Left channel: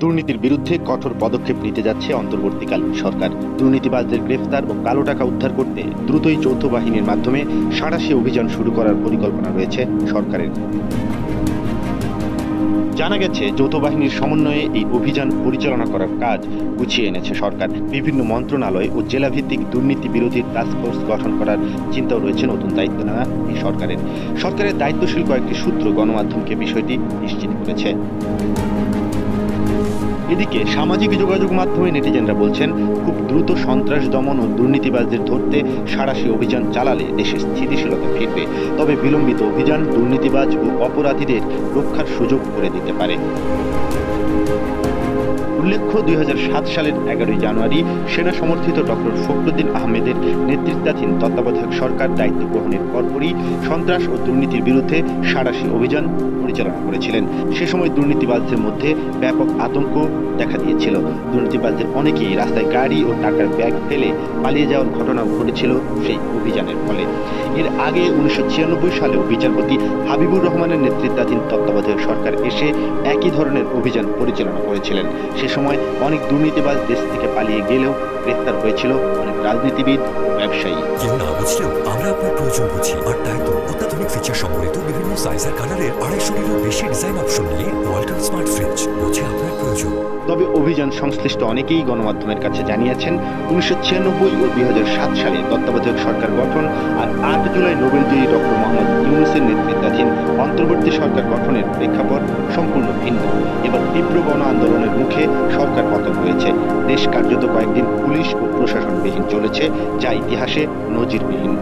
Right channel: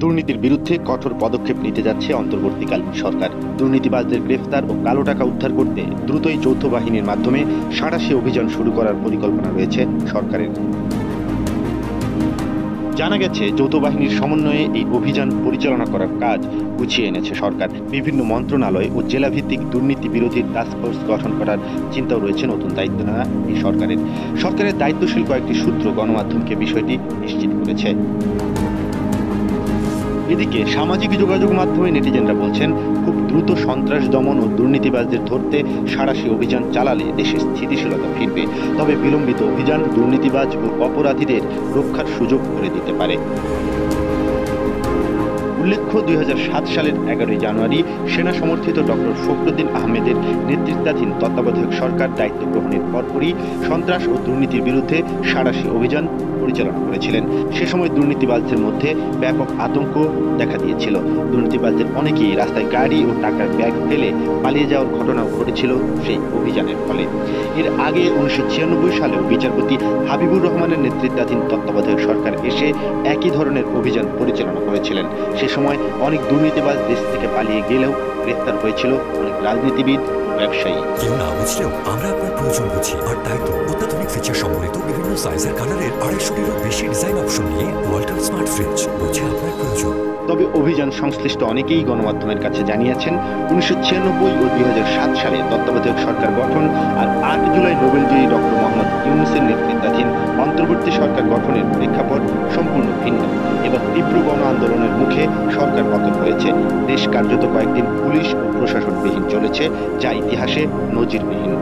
দুর্নীতির বিরুদ্ধে কঠোর পদক্ষেপ নিতে যাচ্ছে অন্তর্বর্তীকালীন সরকার। দুর্নীতিবাজদের গ্রেফতার ও কালো টাকা উদ্ধার করতে দ্রুতই যৌথ বাহিনীর মাধ্যমে সাঁড়াশি অভিযান শুরু করার পরিকল্পনা রয়েছে সরকারের। জানা গেছে, যৌথ বাহিনীর সমন্বয়ে এই অভিযান পরিচালনা করার কাজ গুছিয়ে এনেছে সরকার। বিভিন্ন মন্ত্রণালয় ও জেলাভিত্তিক দুর্নীতি বিরোধী টাস্কফোর্স গঠন করার চিন্তাও রয়েছে নতুন দায়িত্ব নেওয়া এই সরকারের দায়িত্বশীল কয়েকটি সূত্র গণমাধ্যমকে বিষয়টি নিশ্চিত করেছে। এদিকে সামাজিক যোগাযোগ মাধ্যমে নেটিজেনরা বলছেন, খুব দ্রুত সন্ত্রাস দমন ও দুর্নীতিবাজদের ধরতে সাঁড়াশি অভিযান চালালে দেশে স্থিতিশীলতা ফিরবে। তবে বিলম্বিত অভিযান দুর্নীতিবাজ ও অপরাধীদের রক্ষার সুযোগ করে দিতে পারে। উল্লেখ্য, ২০০৭ সালের ১১ জানুয়ারি সেনা সমর্থিত ডক্টর ফখরুদ্দিন আহমেদের নেতৃত্বাধীন তত্ত্বাবধায়ক সরকার দায়িত্ব গ্রহণের পরপরই সন্ত্রাস ও দুর্নীতির বিরুদ্ধে সাঁড়াশি অভিযান পরিচালনা করেছিলেন। সে সময় দুর্নীতিবাজদের মধ্যে ব্যাপক আতঙ্ক দেখা দিয়েছিল। দুর্নীতিবাজদের অনেকেই রাস্তায় গাড়ি ও টাকার ব্যাগ ফেলে পালিয়ে যাওয়ার ঘটনাও ঘটেছিল সেই অভিযানের ফলে। এর আগে ১৯৯৬ সালেও বিচারপতি হাবিবুর রহমানের নেতৃত্বাধীন তত্ত্বাবধায়ক সরকার এসে একই ধরনের অভিযান পরিচালনা করেছিলেন। সে সময় অনেক দুর্নীতিবাজ দেশ থেকে পালিয়ে গেলেও গ্রেফতার হয়েছিল অনেক রাজনীতিবিদ ও ব্যবসায়ী। কেউ না বুঝলেও আমরা আপনার প্রয়োজন বুঝি, আর তাই তো অত্যাধুনিক ফিচার সম্বলিত বিভিন্ন সাইজের কালারের ২৫০টিরও বেশি ডিজাইন অপশন নিয়ে ওয়ালটন স্মার্ট ফ্রিজ বোঝে আপনার প্রয়োজন। তবে অভিযান সংশ্লিষ্ট অনেকেই গণমাধ্যমের কাছে জানিয়েছেন, ১৯৯৬ ও ২০০৭ সালে তত্ত্বাবধায়ক সরকার গঠন আর ৮ জুলাই নোবেলজয়ী ডক্টর মোহাম্মদ ইউনূসের নেতৃত্বাধীন অন্তর্বর্তী সরকার গঠনের প্রেক্ষাপট সম্পূর্ণ ভিন্ন। এবার তীব্র গণ আন্দোলনের মুখে সরকার পতন হয়েছে। দেশ কার্যত কয়েকদিন পুলিশ ও প্রশাসনবিহীন চলেছে, যা ইতিহাসে নজিরবিহীন।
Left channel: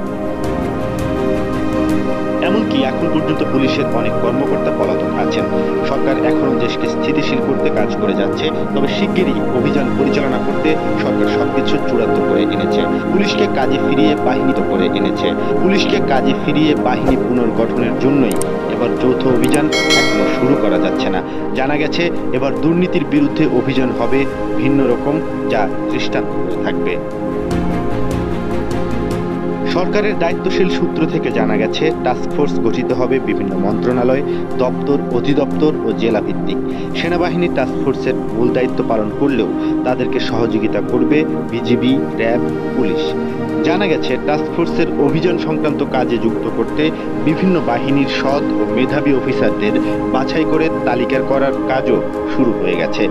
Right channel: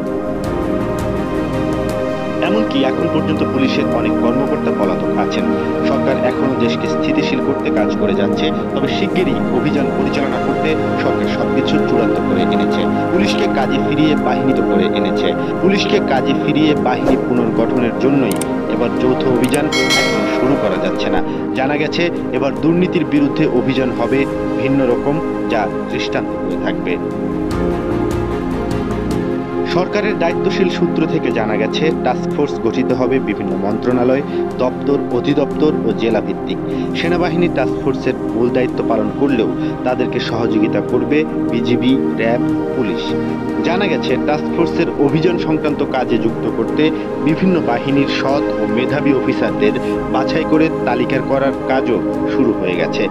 এমনকি এখন পর্যন্ত পুলিশের অনেক কর্মকর্তা পলাতক আছেন। সরকার এখনও দেশকে স্থিতিশীল করতে কাজ করে যাচ্ছে, তবে শিগগিরই অভিযান পরিচালনা করতে সরকার সবকিছু চূড়ান্ত করে এনেছে। পুলিশকে কাজে ফিরিয়ে বাহিনী পুনর্গঠনের জন্যই এবার যৌথ অভিযান এখনো শুরু করা যাচ্ছে না। জানা গেছে, এবার দুর্নীতির বিরুদ্ধে অভিযান হবে ভিন্ন রকম, যা দৃষ্টান্ত হয়ে থাকবে। সরকারের দায়িত্বশীল সূত্র থেকে জানা গেছে, টাস্কফোর্স গঠিত হবে বিভিন্ন মন্ত্রণালয়, দপ্তর, অধিদপ্তর ও জেলা ভিত্তিক। সেনাবাহিনী টাস্কফোর্সের মূল দায়িত্ব পালন করলেও তাদেরকে সহযোগিতা করবে বিজিবি, র্যাব, পুলিশ। জানা গেছে, টাস্কফোর্সের অভিযান সংক্রান্ত কাজে যুক্ত করতে বিভিন্ন বাহিনীর সৎ ও মেধাবী অফিসারদের বাছাই করে তালিকা করার কাজও শুরু হয়ে গেছে।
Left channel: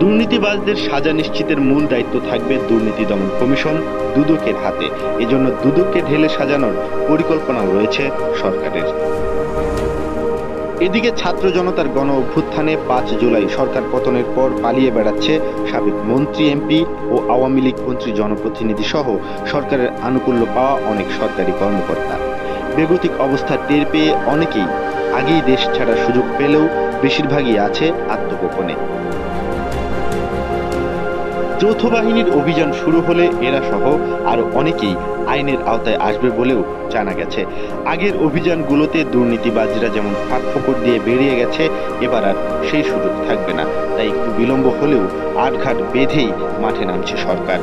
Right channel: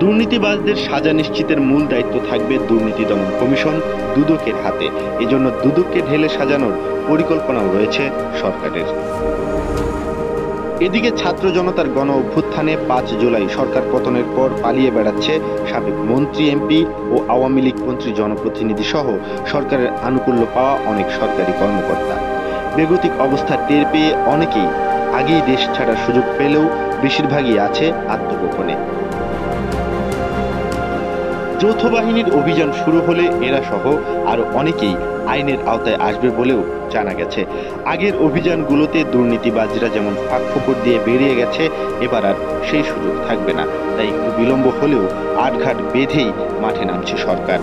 দুর্নীতিবাজদের সাজা নিশ্চিতের মূল দায়িত্ব থাকবে দুর্নীতি দমন কমিশন দুদকের হাতে। এজন্য দুদককে ঢেলে সাজানোর পরিকল্পনাও রয়েছে সরকারের। এদিকে ছাত্র জনতার গণ অভ্যুত্থানে ৫ জুলাই সরকার পতনের পর পালিয়ে বেড়াচ্ছে সাবেক মন্ত্রী, এমপি ও আওয়ামী লীগ মন্ত্রী, জনপ্রতিনিধি সহ সরকারের আনুকূল্য পাওয়া অনেক সরকারি কর্মকর্তা। বেগতিক অবস্থা টের পেয়ে অনেকেই আগেই দেশ ছাড়ার সুযোগ পেলেও বেশিরভাগই আছে আত্মগোপনে। যৌথ বাহিনীর অভিযান শুরু হলে এরা সহ আরো অনেকেই আইনের আওতায় আসবে বলেও জানা গেছে। আগের অভিযানগুলোতে দুর্নীতিবাজরা যেমন ফাঁক ফোকর দিয়ে বেরিয়ে গেছে, এবার আর সেই সুযোগ থাকবে না। তাই একটু বিলম্ব হলেও আটঘাট বেঁধেই মাঠে নামছে সরকার।